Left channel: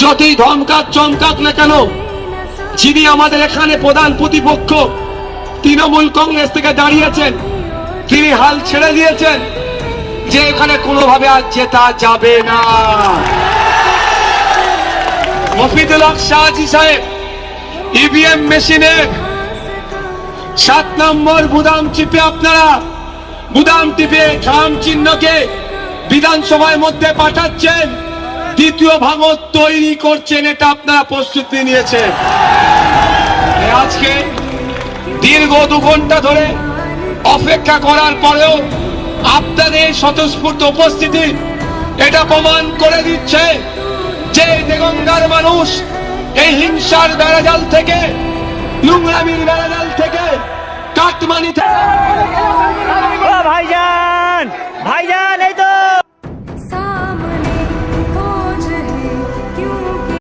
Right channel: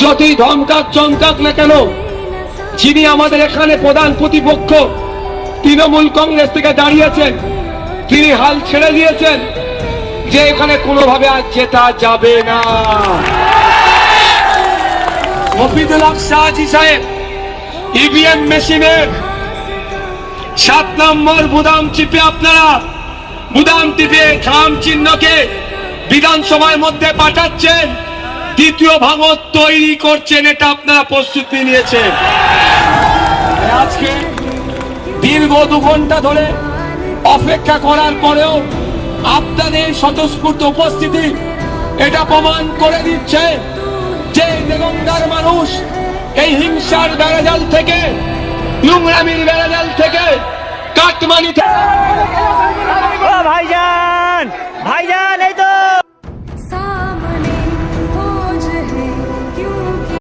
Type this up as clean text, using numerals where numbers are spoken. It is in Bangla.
যতই ধমকাক চমকাক না কেন, যিনি আমাদের এখানে প্রধান প্রতিপক্ষ তৃণমূল কংগ্রেস থেকে দাঁড়িয়েছেন, তিনি হাল ছেড়ে দিয়েছেন যে এখানে কোনোভাবে আর জেতা যাবে না। মফিদুল হক শাহজি সাহেব ইভিএম মেশিনের 7 নম্বর বুদাম চিপে আপনারা বুদাম টিপে খাম চিহ্নকে বিধানসভার মধ্যে পাঠাচ্ছেন, দ্বিতীয় ভাগত তৈরি করছেন, এটা আপনারা প্রস্তুতি নিয়েছেন। আজকে দীর্ঘ 2 ঘন্টা ধরে অপেক্ষা করার পরেও আপনাদের স্বতঃস্ফূর্ত উপস্থিতি এটা প্রমাণ করে দিচ্ছে যে দেগঙ্গার মানুষ এই হিংসার বেড়াজাল থেকে, নোংরামির বেড়াজাল থেকে, কাটমানি থেকে ভাইজান ভাইজান এই তো